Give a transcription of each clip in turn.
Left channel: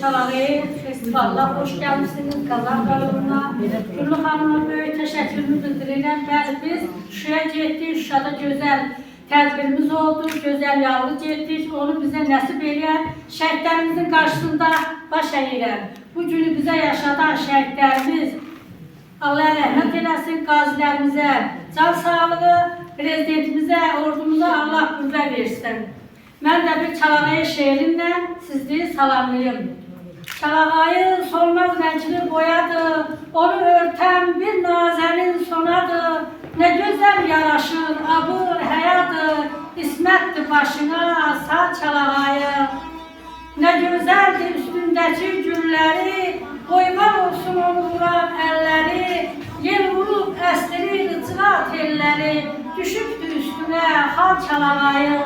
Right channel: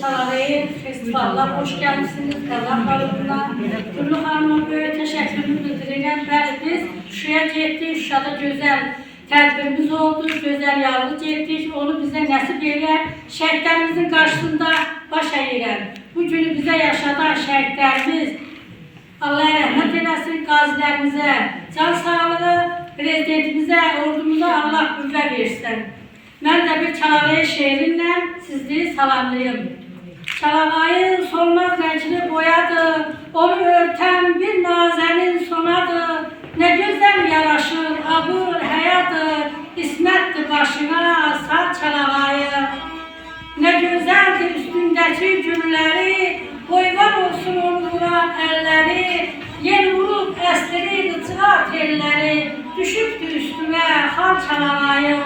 Çalarayı festivalına hoş gelmişsiniz. Kazaklarına, Gülü Hanım'a böyle teşekkürümü bildirirəm. Bəli, biz Şuşaya getdik. Şuşada gözəl tədbirimiz oldu. Gözəl yargı getdik. Onu bizə nəsib edən şəhidlərimizin qarşısında baş əyirəm. Bu günü bizə yaşadan şəhidlərimiz Allah rəhmət eləsin, qazilərimizə can sağlığı, prezidentimizə, ordumuza Allah qüvvə versin. Mən də bir Çalağayı şeirinlə sizi salamlayım. Çalağayı solmaz rəngini boyadı, onu örtən bir nazənin sonadı. Ne güzel yaraşır, abır həyadır, İsmətdir başına sar Çalağayı. Ne güzeldir üstündəki gülləri, boyvar olsun onu vuran əlləri. Yer vurub əsdirir ıçığa telləri, düşübdür üstünə xar Çalağayı.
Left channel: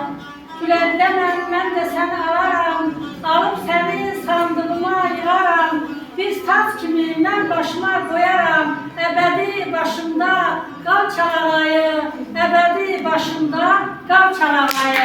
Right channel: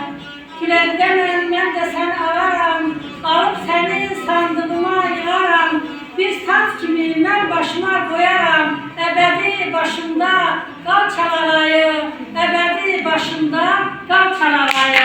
Güləndən mən də səni alaram, alıb səni sandığıma yığaram. Bir tac kimi mən başıma qoyaram, əbədi başımda qal Çalağayı, əbədi başımda qal Çalağayı.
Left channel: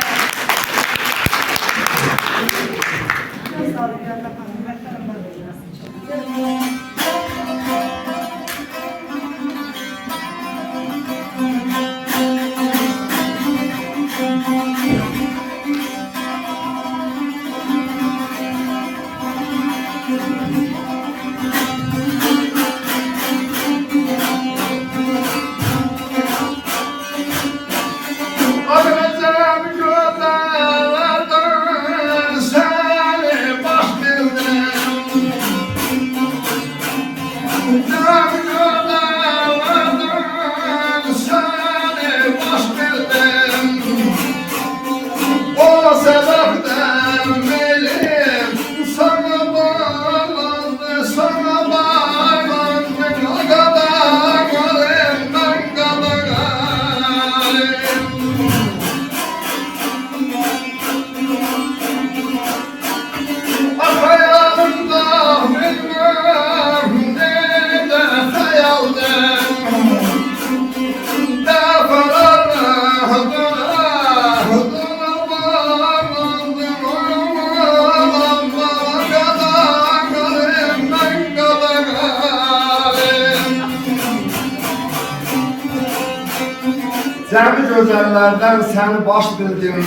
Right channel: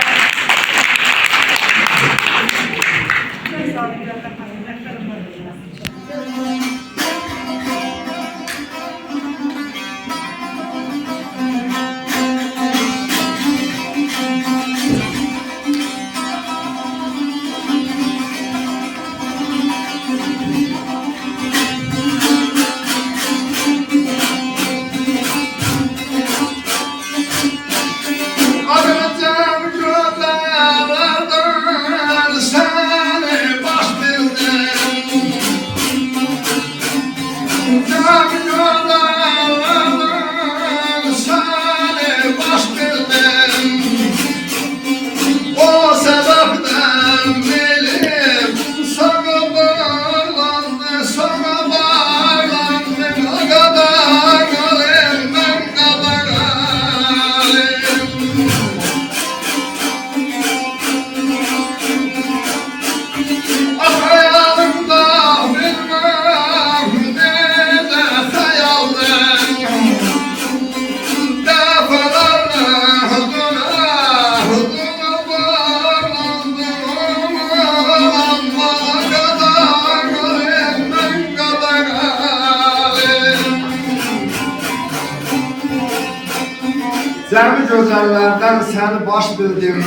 Cəmi gözəllərdən səni baş bildim.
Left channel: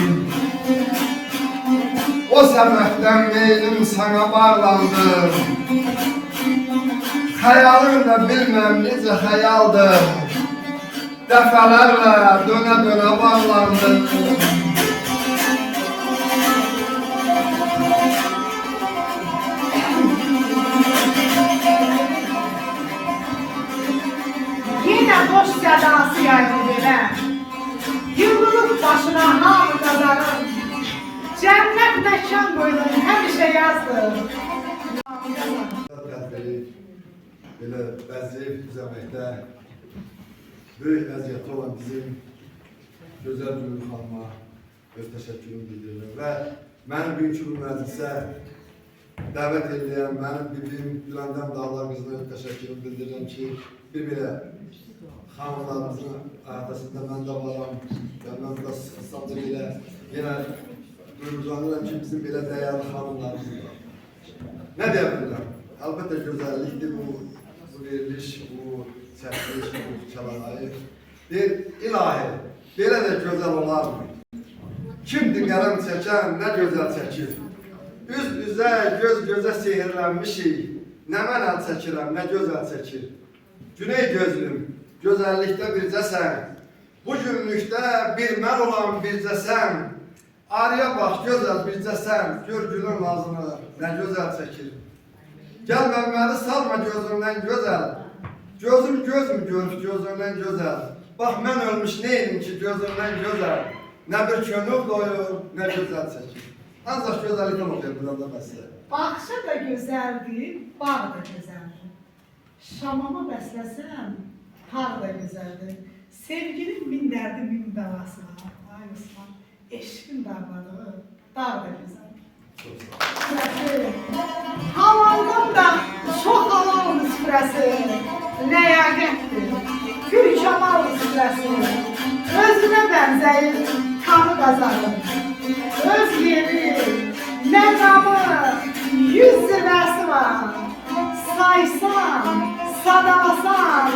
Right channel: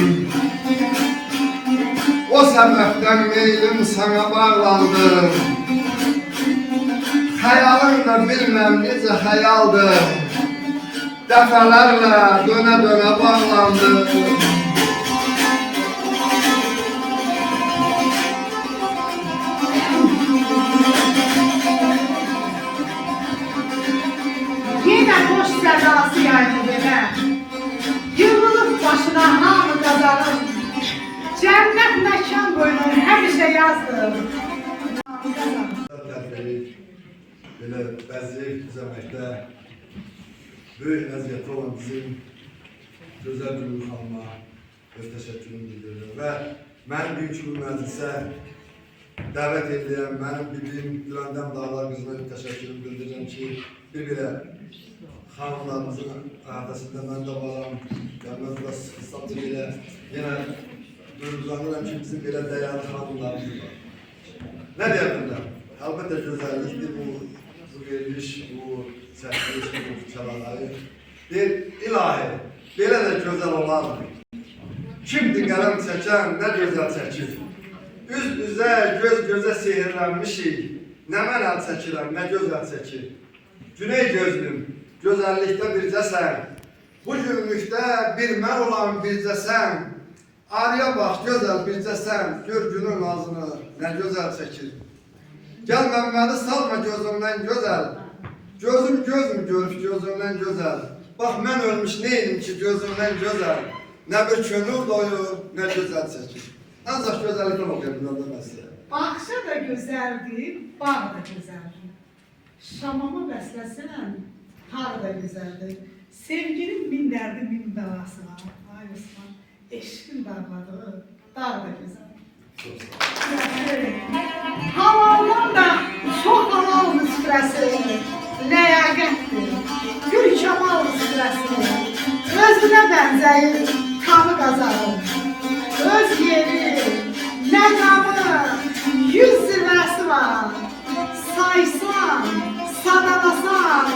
O səbəbdən meylim sana bağlandı. Xəyalın da bilməm necə xəyaldır. Dəfələrlə dönə-dönə bağlandı. Yenə boş sədası yayıldı belə. Yığılıb başına hamı qazanır. Cənnət məkan qoyulur, həmişə yazdır. Belə bəzəyib düzəməkdə böyük vəziyyəti olan bizim gözəl Gülü xanıma öz təşəkkürümü bildirirəm və mənim bugünkü bu məclisə dəvət edilən mənim bibim Güləndam Dağlar qızına öz təşəkkürümü bildirirəm ki, bir-birə xanımlarımızın arasında mən də varam. Mən biraz hesabda belə yenə duyuruzlanıram ki, bizim belə dəyərli xanımlarımız var. Nə deyə bilirəm? Əlbəttə gözəllikdir bu veriliş, bu çəkiliş, bu Çalağayı. Deyir, ilahi, belə də gözəl olarmı? Kimdir qələm çəkən, nə gözəl çəkir? Üz-üzə, göz-gözə sehirlənmişik. Nə mən əl çəkirəm, nə gözəl çəkir? Güney gözlüm, gözəllikdə bircəsən. Bu günlükdə bir mən olan bircəsən. Arıya bax, gözəl bircəsən. Gör günün nazını, nə gözəl çəkir. Gəl məni salma gözümdən gözəl. Gözüm görüb gözümdən gözəl. Bax, mən ölmüş neydim ki gözümdən gözəl. Nə bir könül doyur, nə gözəl çəkir. Ancaq gözəllikdən oxuyam burada məsələ. Baxışa da gözəldir, bağ da gözəldir. Şamamı bəsləsən, har da gözəldir. Sevginin min dərdi, min bəlası var. Ay Osman, eşqin dağladığı dağ da gözəldir. Çox sağ ol. Havaldan da çox haval müsfirəsi, ləyaqətdir. Gül kamal müsfirəsi, özünə bənzəyir, tamı qazanır. Öz yeri, məqamı, yüz zirvə var. Saysan, sadalasan,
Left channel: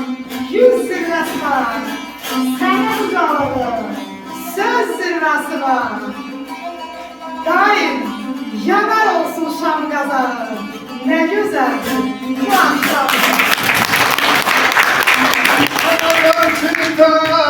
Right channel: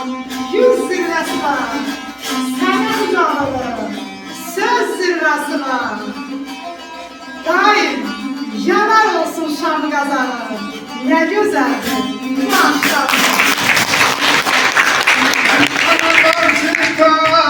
yüz zirvəsi var. Sənin ucalığın, söz zirvəsi var. Daim yanar olsun şam qazanı. Nə gözəldir bu axşam. Analar çıkar